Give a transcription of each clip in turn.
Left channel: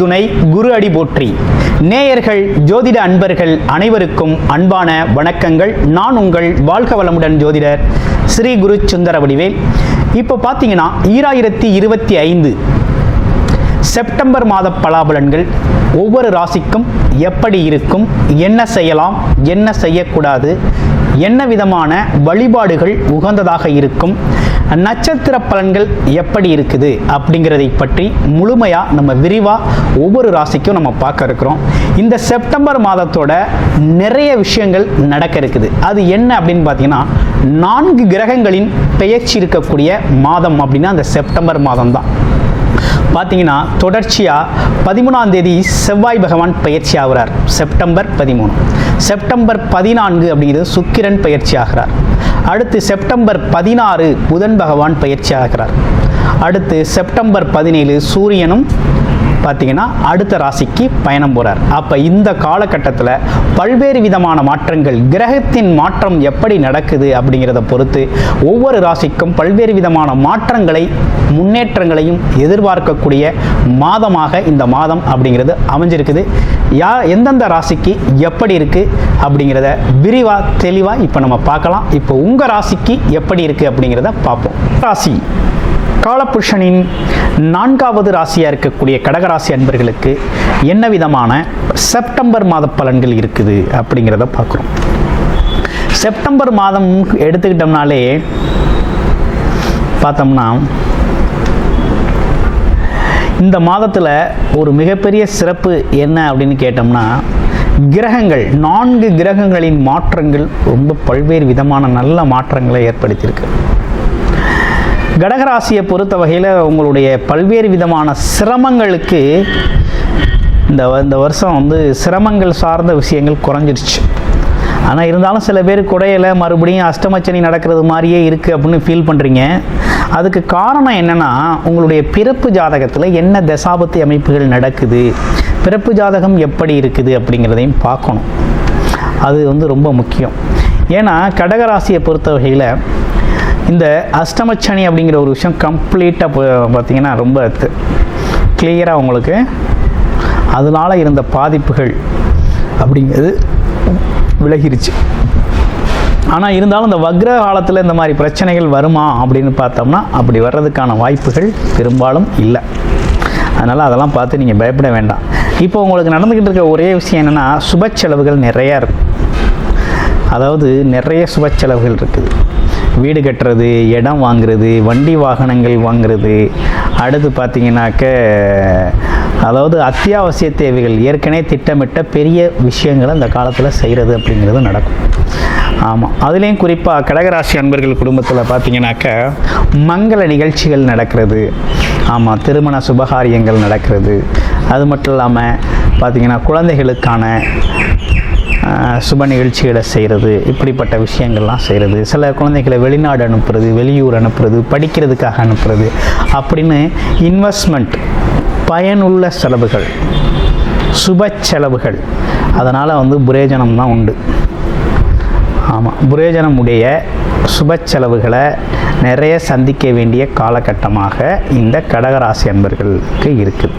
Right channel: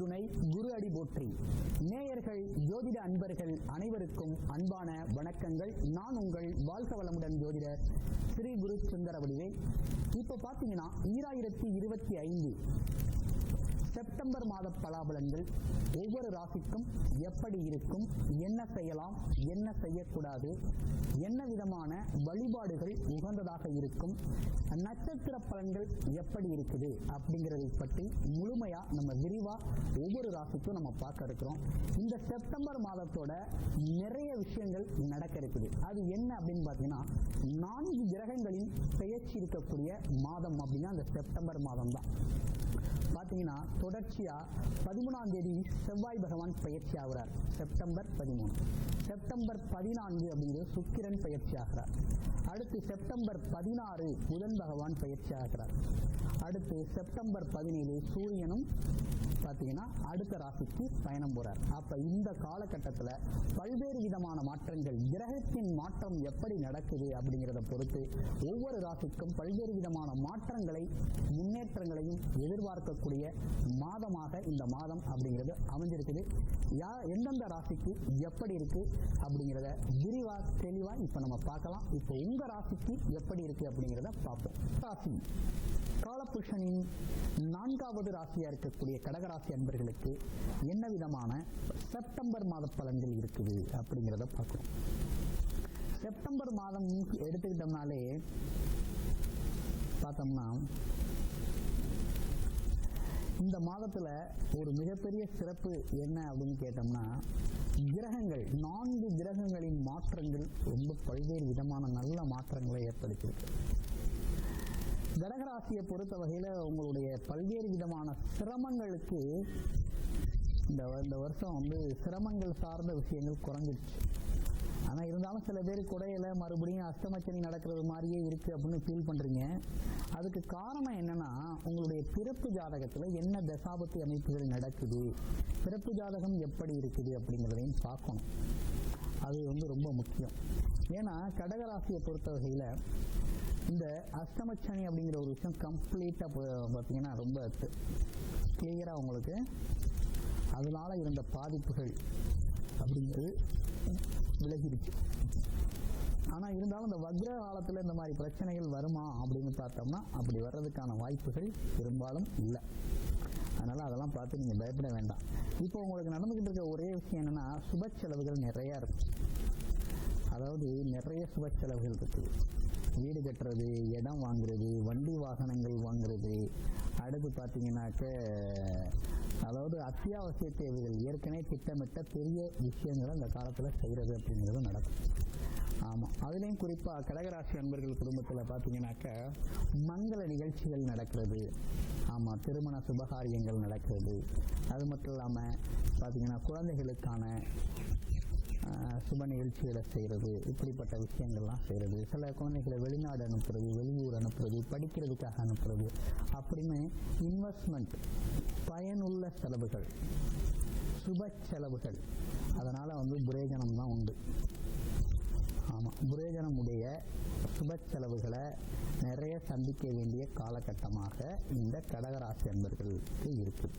துணை குரு அடி போற்றி. நேயர்கள் ஜோதிட அன்பர்கள் அனைவருக்கும் அன்பான வணக்கங்கள். நான் உங்கள் வாழ்க வளமுடன் ஜோதிடர் ஸ்ரீ குரு சுந்தர வடிவேல். இப்போ பார்த்தீங்கன்னா 2025 செப்டம்பர் மாத பலாபலன்கள் ஒவ்வொரு ராசிக்கும் எப்படி இருக்கும், என்ன செய்யலாம், என்ன செய்யக்கூடாது, என்ன விதமான வழிபாடுகள் உகந்ததாக இருக்கும், நட்சத்திர பலன்கள் எப்படி இருக்குது அப்படிங்கிறதை பற்றி முழுமையாக நம்ம விரிவாக ஒவ்வொரு ராசிக்கும் நம்ம பார்க்க இருக்கிறோம். இந்த செப்டம்பர் மாதத்தோட நிறைய விஷயங்கள் நடக்க இருக்குது. அது என்ன அப்படின்னு பார்த்தீங்கன்னா 4 கிரகங்களின் பெயர்ச்சி இருக்கக்கூடிய மாதம் அப்படின்னா அந்த செப்டம்பர் மாதம் தான். பார்த்தீங்கன்னா தொடர்ச்சியாக 13ஆம் தேதி செவ்வாய் பகவான் பயிற்சி ஆகிறார், செப்டம்பர் 13. செப்டம்பர் 14 அப்படிங்கிறது சுக்கிரன் பயிற்சி ஆகிறார். அடுத்து செப்டம்பர் 16 புதன் பகவான் பயிற்சி ஆகிறார். அடுத்து செப்டம்பர் 17 சூரியனும் பார்த்தீங்கன்னா அடுத்த ராசிக்கு பயணம் போகிறார். அப்போ இந்த காலகட்டத்தில் பல்வேறு விதமான மாற்றங்கள், கிரகத்தின் மாற்றம் எப்படி நடக்குது அப்படிங்கிறத பொறுத்து ஒவ்வொரு ராசிக்கும் பல்வேறு விதமான மாற்றங்களை, முன்னேற்றங்களையும் எதிர்பார்க்கக்கூடிய மாதமாக இந்த மாதம் அப்படிங்கிறது அமைஞ்சிருக்குது. எந்தெந்த ராசிக்கு எப்படி இருக்குது அப்படிங்கிறத விரிவாக தெளிவாக இப்போ நம்ம பார்க்கலாம். இப்போ உங்கள் ராசிக்கு எப்படி இருக்குது அப்படிங்கிறத பார்ப்போம். ராசி காலபுருஷனின் 4வது ராசியாக இருக்கக்கூடிய கடகராசி அன்பர்களுக்கு என்ன விதமான செப்டம்பர் மாத பலன்கள் இருக்குது அப்படிங்கிறத பார்க்குறோம். செப்டம்பர் மாதம் எடுத்துக்கிட்டோம்னாலே பார்த்தோம்னா இந்த மாதத்தில் ஒரு மிகப்பெரிய சிறப்பு என்ன அப்படின்னு கேட்டோம்னா கிரகங்கள், 4 கிரகங்களின் மாற்றங்கள் ரொம்ப பல்வேறு விதமான நல்ல மாற்றங்களை ஏற்படுத்தியிருக்கு. கடகராசியை பொறுத்த வகையில் உங்களுடைய பல்வேறு விதமான சிரமங்களுக்கு இந்த வருஷம் சிரமங்கள் சார்ந்த விஷயங்கள் குறைஞ்சிருச்சு. ஆனால் இருந்தாலும் சில பேர் குறையலை, மறுபடியும் அஷ்டமச்சனி நடக்கிறது மாதிரியே இருக்குது அப்படின்னு ஃபீல் பண்ணுறீங்க. அதுக்கு காரணம் என்னென்னா உங்களுடைய பிறப்பு ஜாதகத்தில் என்ன தசாபத்தி அமைப்புகள் நடக்குது, பிறப்பு ஜாதகம் எப்படி இருக்குது அப்படிங்கிறதையும் பார்க்கணும். அது ரொம்ப முக்கியம். ஏன்னா கடகராசியை பொறுத்த வகையில் இந்த அஷ்டமச்சனி அப்படிங்கிற ஒரு விஷயம் கம்ப்ளீட்டாக பார்த்திங்கன்னா ரொம்ப கிளியராக உங்களுக்கு அதனால் இருந்த பாதிப்புகள் அப்படிங்கிறது விலகிருச்சு. ஆனால் இருந்தாலும் இந்த வக்ர காலத்தில் இந்த மாதிரி பிரச்சனைகள் வருமா அப்படின்னு பார்த்தோம்னா அப்படி வர்றதுக்கான வாய்ப்புகள் பெரும்பாலும் இல்லை. அதனால் அதெல்லாம் பார்த்து நீங்கள் பயப்பட வேண்டாம். இப்போ உங்களுக்கு நடந்துக்கிட்டு இருக்க ஒரே விஷயம் என்னென்னா சுப செலவுகள் நிறையா இருக்குது. அதாவது நிறைய சுப செலவுகள் இருக்குது. வீடு கட்டுறது, இடம் வாங்குறது, வண்டி வாகனங்கள் வாங்குறது, அடுத்து பார்த்திங்கனாக்க அதாவது அத்தியாவசிய தேவைகள், ஏற்கனவே திட்டமிட்ட பெரிய விஷயங்களை அந்த காலத்தில் செய்கிறது அப்படிங்கிறது நடக்கும். ஆமாம், அதுலேயும் குறிப்பாக கடகராசி அன்பர்கள் குடும்பத்தில் பார்த்திங்கனாக்க மங்கள நிகழ்ச்சிகள் நடக்கிறது. ஆமாம், திருமண சுபகாரியங்கள் நடக்கிறது. அது மட்டும் இல்லாமல் பார்த்திங்கன்னா குழந்தைகளுக்கான சுப நிகழ்ச்சிகளை செய்கிறது, இப்படிப்பட்ட விஷயங்கள்லாம் செய்கிறது. சில குழந்தைகளை வெளிநாடு அனுப்புறது, வெளியூர் அனுப்புறது, படிக்கிறதுக்காக அனுப்புறது அப்படின்னு இன்வெஸ்ட்மெண்ட், பயனுள்ள செலவுகள், சுப செலவுகள், அதனால் புரேஜனம் தான் உண்டு. ஆமாம், புரேஜனம் உடைய சுப செலவுகளை நிறைய சந்திக்க வேண்டிய காலகட்டமாக இந்த கடகராசி அன்பர்களுக்கு இருக்குது.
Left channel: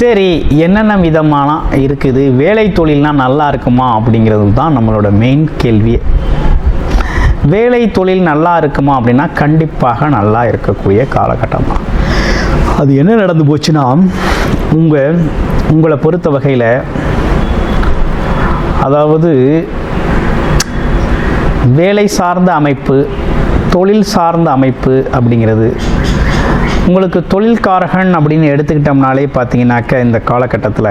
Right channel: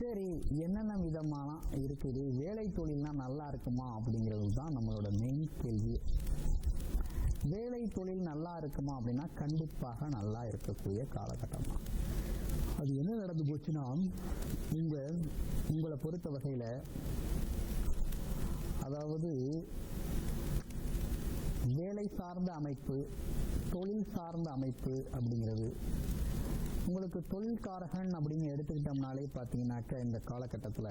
சரி, என்னென்ன விதமான இருக்குது, வேலை தொழில்னால் நல்லா இருக்குமா அப்படிங்கிறது தான் நம்மளோட மெயின் கேள்வி. வேலை தொழில் நல்லா இருக்குமா அப்படின்னா கண்டிப்பாக நல்லா இருக்கக்கூடிய காலகட்டமாக. அது என்ன நடந்து போச்சுன்னா உங்களை பொறுத்த வகையில் அதாவது வேலை சார்ந்த அமைப்பு, தொழில் சார்ந்த அமைப்பு அப்படிங்கிறது உங்களுக்கு தொழில்காரகன் அப்படின்னு எடுத்துக்கிட்டோம்னாலே பார்த்தீங்கன்னாக்க இந்த காலகட்டத்தில்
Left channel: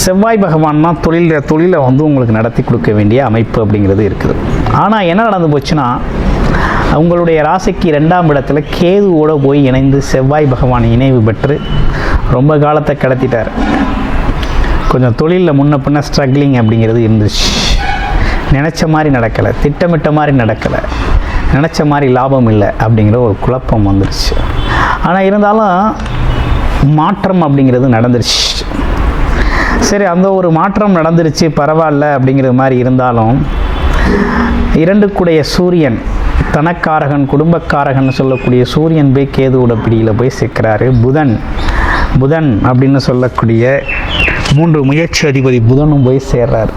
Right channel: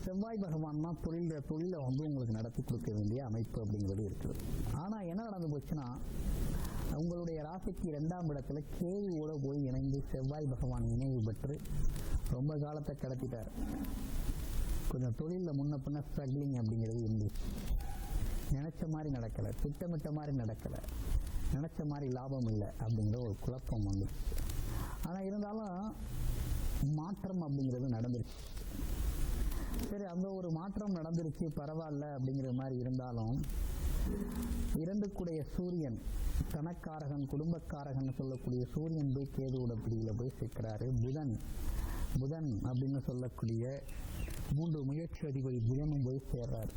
செவ்வாய் பகவான் தான் தொழிலை உங்களுக்கு நடத்தி கொடுக்க வேண்டிய அமைப்பு அப்படிங்கிறது இருக்குது. ஆனால் என்ன நடந்து போச்சுன்னா உங்களுடைய ராசிக்கு 2ஆம் இடத்துல கேதுவோடு போய் இணைந்து செவ்வாய் பகவான் இணைவு பெற்று ரொம்ப காலத்தை கடத்திட்டார். கொஞ்சம் தொழிலில் முன்ன பின்ன ஸ்ட்ரகிளிங் அப்படிங்கிறது இருந்துச்சு. நினச்ச மாதிரி நடக்கலை, திட்டமிட்ட மாதிரி நடக்கலை, நினச்ச மாதிரி லாபம் இல்லை அப்படிங்கிற ஒரு குழப்பம் வந்துருச்சு. ஆனால் இருந்தாலும் மாற்றம் அப்படிங்கிறது நடந்துருச்சு. சரி, அந்த ஒரு மாற்றம் நடந்துருச்சு, பரவாயில்ல அப்படிங்கிற மாதிரி இருந்தாலும் 2 கூடைய சூரியன் தனக்காரகன் குடும்பக்காரகன் சொல்லக்கூடிய சூரியன் போய் கேதுவோட பிடியில் போய் சிக்கிறாரு. புதன் அப்படின்னு சொல்லக்கூடிய 3 முயற்சி அதிபதி புதனும் போய் சேர்றாரு.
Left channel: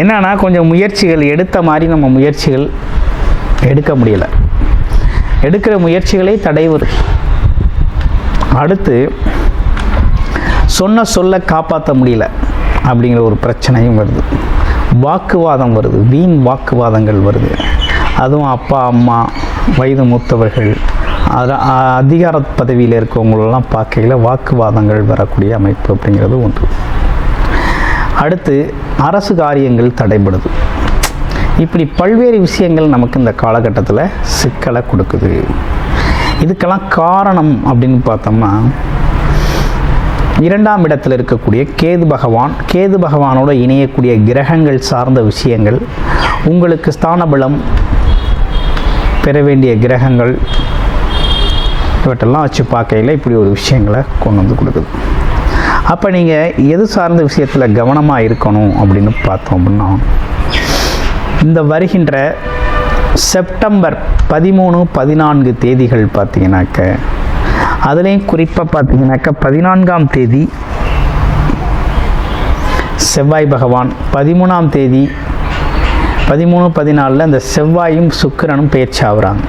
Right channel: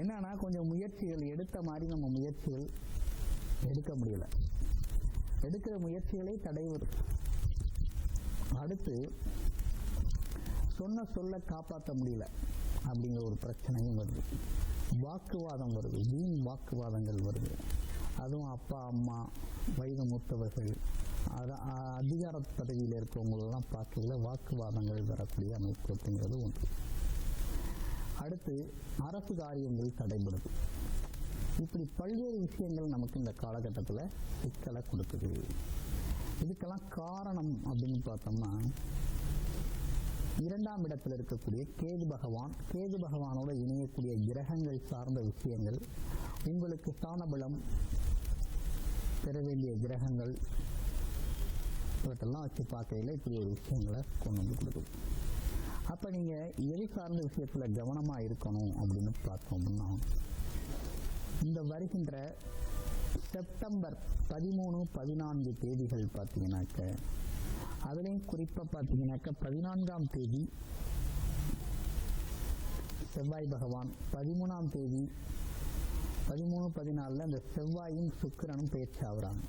என்னன்னா கொஞ்சம் முயற்சிகள் எடுத்த மாதிரி நம்ம முயற்சிகள் எடுக்க முடியலை, எடுக்கிற முயற்சிகளே தடை வருது. அடுத்து சொல்ல காப்பாற்ற முடியல அப்படிங்கிற ஒரு பிரச்சனையும் வருது. வாக்குவாதம் வருது, வீண் வாக்குவாதங்கள் வருது. அதுவும் அப்பா அம்மா வயது மூத்தவர்கள் அதிகார பதவியில் இருக்கவங்களெல்லாம் பார்க்கையில் வாக்குவாதங்கள் வரக்கூடிய அமைப்பு அப்படிங்கிறது ஒன்று. அடுத்து அரசு காரியங்கள் தடைபடுது. இப்படி பல்வேறு விஷயங்கள் நமக்கு இந்த காலகட்டத்தில் சிக்கலை கொடுக்குது. இதுக்கெல்லாம் காரணம் அப்படின்னு பார்த்தோம்னா 2ஆம் இடத்தில் இருக்கக்கூடிய கேது பகவானோட இணையக்கூடிய கிரகங்கள் சார்ந்த விஷயங்கள், உங்களுக்கு ஸ்தான பலம் பெற வேண்டிய கிரகங்கள், இவற்றெல்லாம் வச்சு பார்க்கையில் இப்படி ஒரு விஷயங்களை கொண்டு வந்து கொடுக்குது. அப்போ நீங்கள் எது சார்ந்த விஷயத்தில் கவனமாக இருக்கணும் அப்படின்னு பார்த்தோம் அப்படின்னா, இந்த வருகின்ற செப்டம்பர் 13, 14 தேதிகள் பார்த்தீங்கன்னாக்க, அதுலேயும் குறிப்பாக பார்த்தீங்கன்னாக்கா 14ஆம் தேதி செவ்வாய் பகவான், 13ஆம் தேதி 13, 14 இந்த செவ்வாயும் சுக்கிரனும் பெயர்ச்சி ஆகுறாங்க.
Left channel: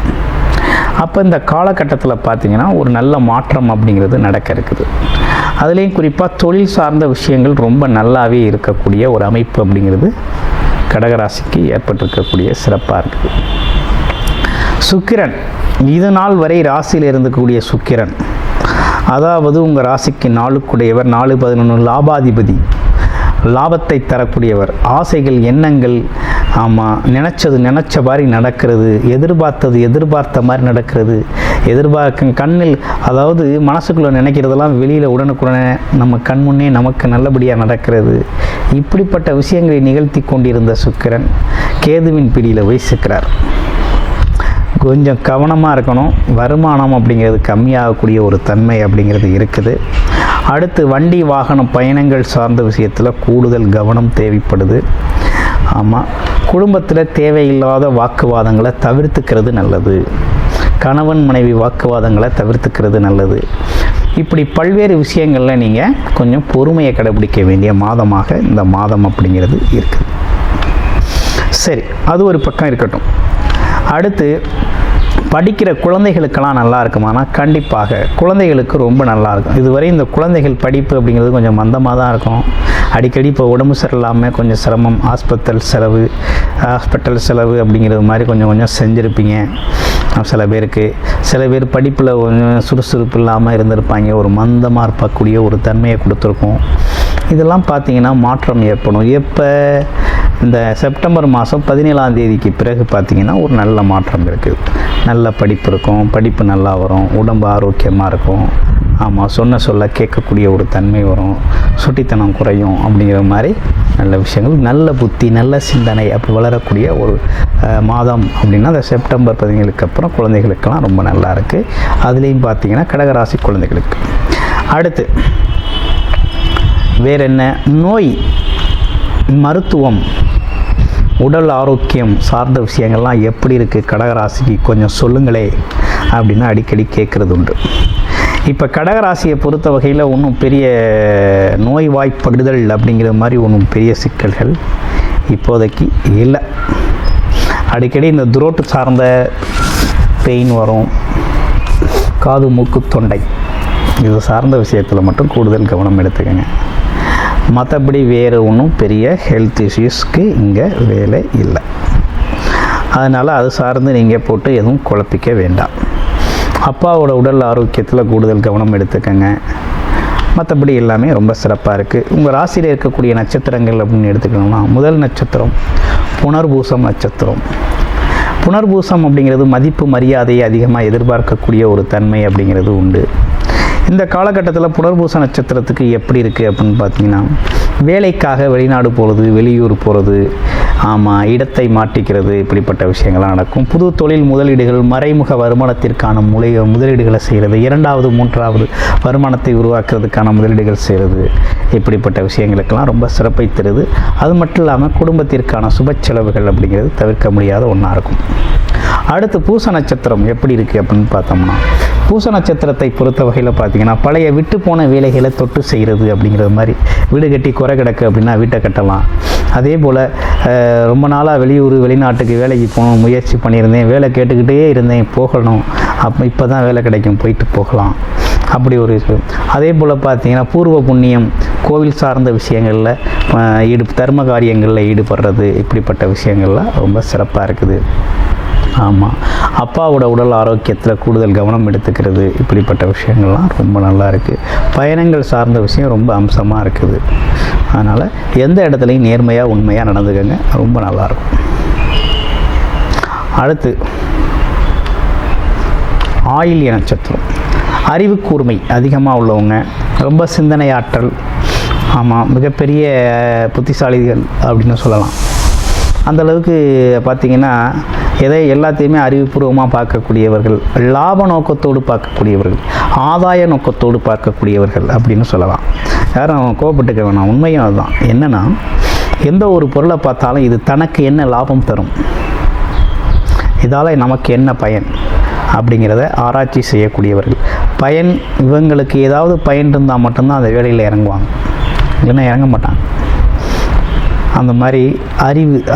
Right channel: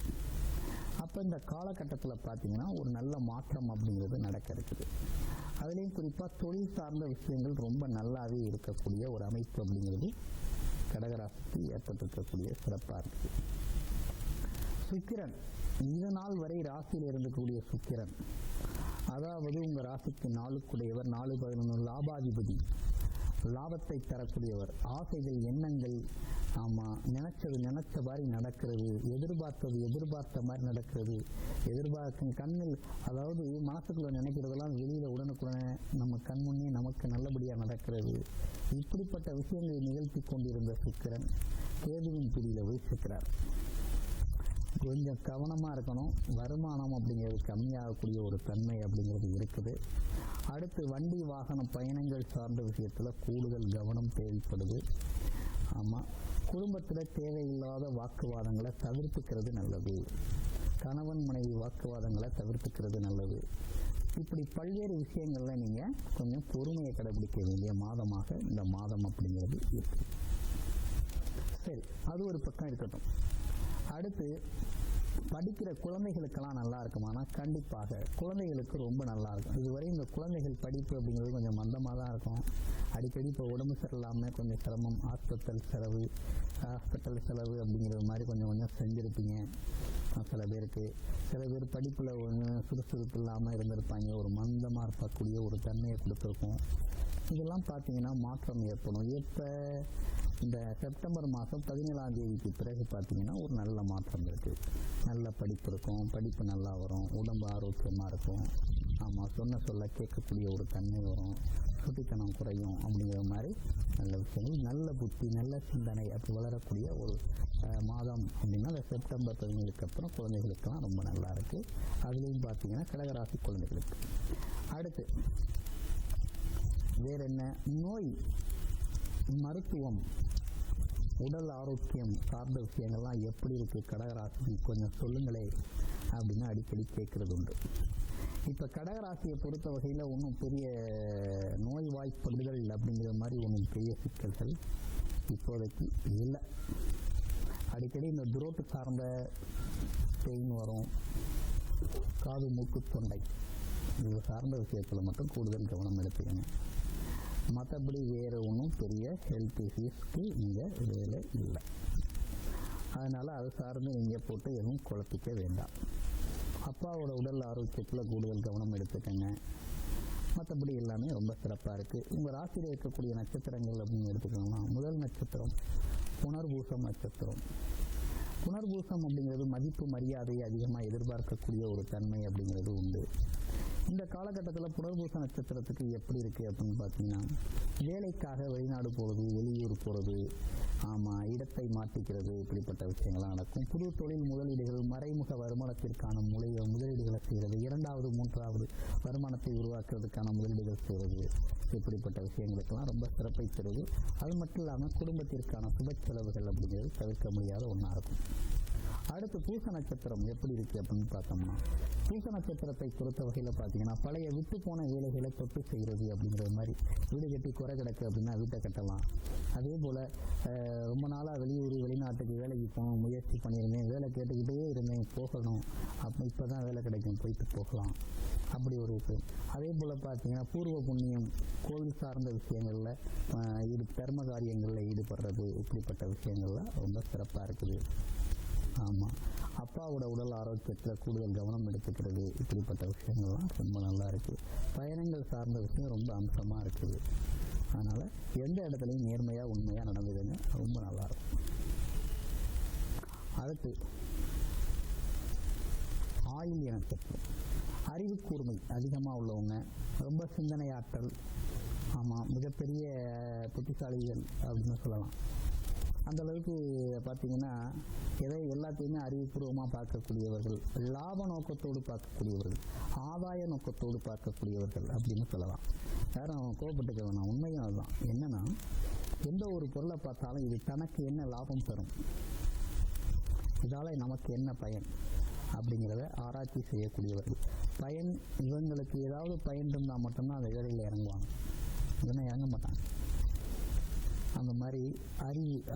அப்போ இந்த காலகட்டத்தில் பார்த்திங்கன்னா ஒரு நல்ல மாற்றம் அப்படிங்கிறது நடக்க இருக்குது. அதுலேயும் குறிப்பாக தொழில் சார்ந்த விஷயங்கள் ரொம்ப நல்லாவே இருக்கக்கூடிய ஒரு அமைப்பு அப்படிங்கிறது கடகராசிக்கு ஏற்பட்டிருக்கக்கூடிய சிறப்பாக இருக்குது. சுக்கிரன் இது நாள் வரை ராசியில் இருந்தக்கூடிய சுக்கிரன், அதாவது உங்கள் ராசிக்கு 4க்குடையவர், 4, 11 லாபாதிபதி, லாபத்தை தரக்கூடியவர், ஆசைகள் எண்ணங்கள், ஆமாம் நினச்ச மாதிரி நடக்கிறது, எதிர்பார்த்த மாதிரி நடக்கிறது, கண்ணில் அதாவது மனசுக்குள்ளே நினைக்கிறதெல்லாம் வெளியில் உடனுக்குடனே நம்ம கண் முன்னே நமக்கு நல்லபடியாக நடக்கிறது. இப்படிப்பட்ட விஷயங்களை நிகழ்த்தி கொண்டிருந்த சுக்கிரன் கேதுவின் பிடியில் போய் சிக்கிறார். கொஞ்சம் கவனமாக இருக்கணும். வருமானம் அப்படிங்கிறது கம்மியாகக்கூடிய ஒரு தன்மை அப்படிங்கிறது இருக்குது. அடுத்து வண்டி வாகனம் பயணங்கள் சார்ந்த விஷயத்தில் கூடுதல் கவனம் தேவைப்படுது. ஆமாம், குடும்பத்தில் தேவையில்லாத வாக்குவாதங்களை தவிர்த்துக்கிறது நல்லது. கணவன் மனைவி வாக்குவாதங்களை தவிர்த்துக்கிறது நல்லது. இப்படி பல்வேறு விஷயங்களில் நீங்கள் கொஞ்சம் பொறுமையை கடைபிடிக்க வேண்டிய மாதமாக இந்த மாதம் அப்படிங்கிறது இருக்குது. சரி, அது ஒரு பக்கம் இருக்கட்டும். அடுத்து படிக்கிற குழந்தைகளுக்கெல்லாம் நல்லா இருக்குமானா கண்டிப்பாக குழந்தைகளுக்கு ரொம்ப நல்லாயிருக்கும். இதுவரை இந்த குழந்தைகள் படிப்பு அப்படிங்கிறது கொஞ்சம் மந்தமாக தான் இருக்கும். அடிக்கடி இப்போ உடம்பு சரியில்லாமல் கொஞ்சம் சிரமம், ஹாஸ்பிட்டல் செலவு அப்படிங்கிறது மாதிரி கொஞ்சம் செஞ்சுருப்பீங்க. சில பேர் படிப்பில் கொஞ்சம் சுறுசுறுப்பு இல்லாமல் இருந்திருப்பாங்க, ஒரு மந்தமாக இருக்கக்கூடிய ஒரு தன்மையை கொடுத்துருக்கோம். இதெல்லாம் பார்த்திங்கன்னா மாற்றம் ஏற்படும். எப்போ இந்த செப்டம்பர் மாதம் 17ஆம் தேதிக்கு பிறகு பார்த்திங்கன்னா ஒரு நல்ல மாற்றம் இருக்குது. நல்ல படிப்பு இருக்கும், படிப்பு நல்லா வரும், உடம்பு ஆரோக்கியமாக இருக்கும். ஆமாம், சொல்ல கேட்கக்கூடிய ஒரு தன்மை வரும், சுட்டித்தனம் குறையும் அப்படிங்கிற மாதிரி நல்ல விஷயங்கள், நல்ல புத்தி, நல்ல சிந்தனை அப்படி வளரக்கூடிய ஒரு மாதம் அப்படின்னா அந்த செப்டம்பர் 17க்கு அப்புறம் குழந்தைகளுக்கெல்லாம் ரொம்ப நல்லா இருக்குது. அதுலேயும் பார்த்திங்கன்னா கடகராசி குழந்தைகளுக்கு. அடுத்து வேறு என்ன, நோய், மருத்துவம், உடல் ஆரோக்கியம் சார்ந்த விஷயங்கள்லாம் எப்படி இருக்குது கடகராசிக்கு கொஞ்சம் சொல்லுங்களே அப்படின்னு அடிக்கடி கேட்குறது உண்டு. இப்போ கடகராசியை பொறுத்த வகையில் ஒன்றும் பெரிய நோய்வாய்ப்படுதல் அப்படிங்கிற மாதிரி ஒன்றும் பெரிய சிக்கல்கள் இப்போதைக்கு இல்லை. அடிக்கடி இந்த துரோட்டு சார்ந்த பெயின் வரும், காது மூக்கு தொண்டை இது சார்ந்த விஷயத்தில் மட்டும் கூடுதல் கவனம் எடுத்துக்கங்க. மற்றபடி வேறு ஒன்றும் பெரிய ஹெல்த் இஷ்யூஸ்க்கு இங்கே வேலை இல்லை. அதனால் அது சார்ந்து நீங்கள் போட்டு எதுவும் குழப்பிக்க வேண்டாம். அப்பாவோட உடல் ஆரோக்கியத்தில் கூடுதல் கவனம் எடுத்துக்கங்க. மற்றபடி எல்லாமே ரொம்ப சிறப்பாக இருக்குது. உங்கள் ராசியில் இருக்கக்கூடிய நட்சத்திரங்கள் அப்படின்னு எடுத்துக்கணும்னா, முதல் நட்சத்திரம் புனர்பூசம் நட்சத்திரம். புனர்பூசம் அப்படிங்கிறது மதிப்பு மரியாதையை அதிகமாக எதிர்பார்க்கக்கூடிய ஒரு தன்மை அப்படிங்கிறது உண்டு. இந்த காலகட்டத்தில் புனர்பூச நட்சத்திரத்துக்கு எப்படி இருக்குது அப்படின்னு பார்த்தீங்கன்னா, வேலைக்காக வெளிநாடு போகிறது, வெளியூர் போகிறது, ஆமாம் இடத்தை மாற்றிக்கிறது, இப்படிப்பட்ட விஷயங்கள்லாம் நடக்கும். புது தொழில் முதலீடுகள், மறைமுக வருமானத்திற்கான முதலீடுகளை செய்கிறது, 2வது 3வது வருமானத்தை உருவாக்குறதுக்கான முதலீடுகள் செய்கிறது, இப்படிப்பட்ட விஷயங்களுக்கெல்லாம் ரொம்ப சிறப்பை தருது. அது மட்டும் இல்லாமல் குடும்பத்திற்கான சுப செலவுகள் அப்படிங்கிறது தவிர்க்க முடியாத ஒன்றா இருக்கும். அடுத்து பூச நட்சத்திரம் எப்படி இருக்குது அப்படின்னு பார்த்தோம்னா, பூச நட்சத்திரத்தை பொறுத்த வகையில் பார்த்தீங்கன்னா பழைய விட்டு போன வேலைகளை தொட்டு செய்கிறது அப்படிங்கிறது மாதிரி. வீடு கட்டி குறை கிடக்கு அப்படின்னா வீட்டை கட்டலாம். அதே போல் ரொம்ப நாளாக வெளியூர் வெளிநாட்டுக்கு வேலைக்கு போகணும் முயற்சி பண்ணியிருந்தேன், வேலை கேட்டுக்கிட்டே இருந்தேன், போகணும், அப்போ இப்போ தான் வேலை கிடைக்கும், போயிட்டு போகலாம், அப்படி ஒரு இது. அதே போல் பார்த்தீங்கன்னா பூர்வ புண்ணியம், கோவில் சார்ந்த விஷயங்களில் தர்ம காரியங்களில் ஈடுபடுறது, இப்படிப்பட்ட விஷயங்கள்லாம் ரொம்ப சிறப்பாக இருக்குது. ஆமாம், அப்பாவோட உடல் ஆரோக்கியத்தில் கூடுதல் கவனம் எடுத்துக்கிறது, இப்படிப்பட்ட விஷயங்கள்லாம் ரொம்ப நல்லா இருக்குது. பயணங்கள் சார்ந்த விஷயம் ரொம்ப அம்சமாக இருக்குது. அதனால் எந்த இடத்துலையும் நேர்மையாக உண்மையாக நடந்துக்கங்க, ரொம்ப நல்லாயிருக்கும். அடுத்து ஆயில்ய நட்சத்திரம். அறிவு கூர்மை அதிகமாக உள்ளவங்க, ரொம்ப சிந்தனை ஆற்றல், ஆமாம், மிகப்பெரிய புத்திசாலிகள் அப்படின்னு சொல்லலாம். அந்தளவுக்கு பார்த்திங்கன்னா எல்லாத்தையுமே அறிவுபூர்வமாக பார்க்கக்கூடியவர்கள், லாப நோக்கத்தோடு பார்க்கக்கூடியவர்கள், ஆதாய நோக்கத்தோடு பார்க்கக்கூடியவர்கள் அப்படின்னு சொல்லலாம். யாரும் கோபப்பட்டுக்க வேணாம், உண்மையும் அதுதான். என்னென்னா, எந்த ஒரு பொருளை பார்த்தாலும் இது தனக்கு என்ன லாபம் தரும், இதால் நமக்கு என்ன பயன் அப்படிங்கிறத ஆராய்ச்சி செய்யக்கூடியவர்கள். பயன், இவங்களுக்கு ஏதாவது பயன் இருந்தால் மட்டும்தான் அந்த வேலையில் இறங்குவாங்க, இல்லைன்னா இறங்க மாட்டாங்க. அந்த மாதிரி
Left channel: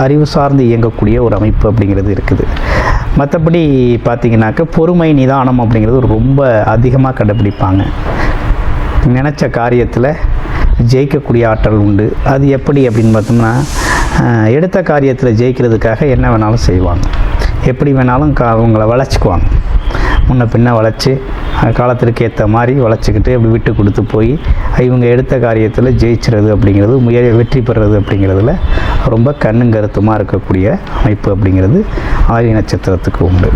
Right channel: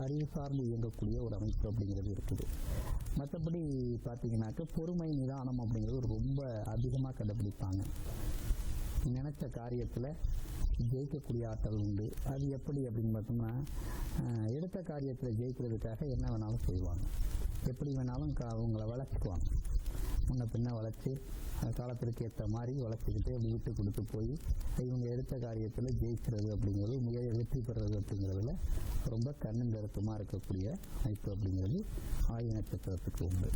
அறிவு சார்ந்து இயங்கக்கூடிய ஒரு அமைப்பு அப்படிங்கிறது இருக்குது. மற்றபடி பார்த்திங்கனாக்க பொறுமை, நிதானம் அப்படிங்கிறது ரொம்ப அதிகமாக கடைப்பிடிப்பாங்க. நினச்ச காரியத்தில் ஜெயிக்கக்கூடிய ஆற்றல் உண்டு. அது எப்படி அப்படின்னு பார்த்தோம்னா, எடுத்த காரியத்தில் ஜெயிக்கிறதுக்காக என்ன வேணாலும் செய்வாங்க, எப்படி வேணாலும் அவங்கள வளைச்சிக்குவாங்க, முன்ன பின்ன வளைச்சி காலத்திற்கு ஏற்ற மாதிரி வளைச்சிக்கிட்டு அப்படி விட்டு கொடுத்து போய் இவங்க எடுத்த காரியத்தில் ஜெயிச்சுறது அப்படிங்கிறது, வெற்றி பெறுறது அப்படிங்கிறதுல ரொம்ப கண்ணும் கருத்துமாக இருக்கக்கூடிய அமைப்பு அப்படிங்கிறது ஆயில்ய நட்சத்திரத்துக்கு உண்டு.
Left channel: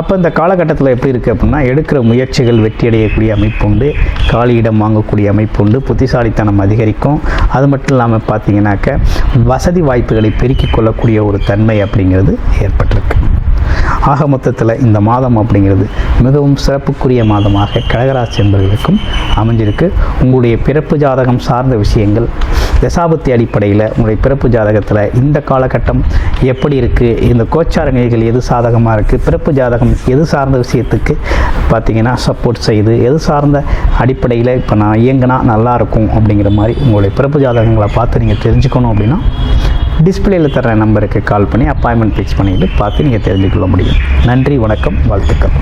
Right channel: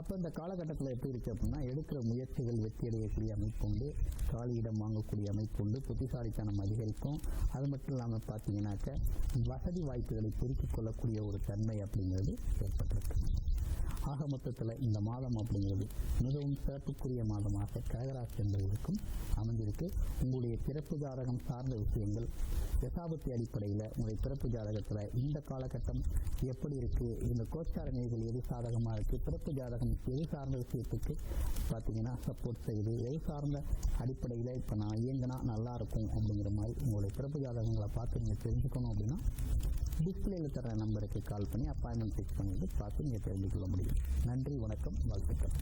அப்போ இந்த காலகட்டத்தில் எப்படி இருக்குது அப்படின்னா, எடுக்கிற முயற்சிகள் வெற்றியடையக்கூடிய அமைப்பு உண்டு, காலியிடம் வாங்கக்கூடிய அமைப்பு உண்டு, புத்திசாலித்தனம் அதிகரிக்கும். அது மட்டும் இல்லாமல் பார்த்தீங்கன்னாக்க வசதி வாய்ப்புகளை பெருக்கிக் கொள்ளக்கூடிய ஒரு தன்மை அப்படிங்கிறது ஏற்பட்டிருக்கு. ஆக மொத்தத்தில் இந்த மாதம் அப்படிங்கிறது மிகவும் சிறப்புக்குரிய மாதமாக கடகராசி என்பவர்களுக்கும் அமைஞ்சிருக்கு. உங்களுடைய பிறப்பு ஜாதகம் சார்ந்த விஷயங்கள் தசாபுத்தி அடிப்படையில் உங்களுடைய பிறப்பு ஜாதகத்தில் இந்த காலகட்டம் எப்படி இருக்குது, இந்த கோச்சார நிலைகள் எது சாதகமாக இருக்குது, பிறப்பு ஜாதகம் எது சார்ந்த விஷயத்துக்கு பார்த்திங்கன்னா சப்போர்ட் செய்யுது, எது சார்ந்த அடிப்படையில் இப்போ நான் இயங்கினா நல்லாயிருக்கும் அப்படிங்கிற மாதிரி உங்களுடைய பிறப்பு ஜாதகங்களை பார்த்து நீங்கள் தெரிஞ்சுக்கணும் அப்படின்னா டிஸ்பிளேயில் தர்ற நம்பருக்கு கால் பண்ணி அப்பாயின்மெண்ட் ஃபிக்ஸ் பண்ணிவிட்டு பார்த்து நீங்கள் தெரிஞ்சுக்கொள்ள முடியும். நன்றி, வணக்கம், வாழ்த்துக்கள்.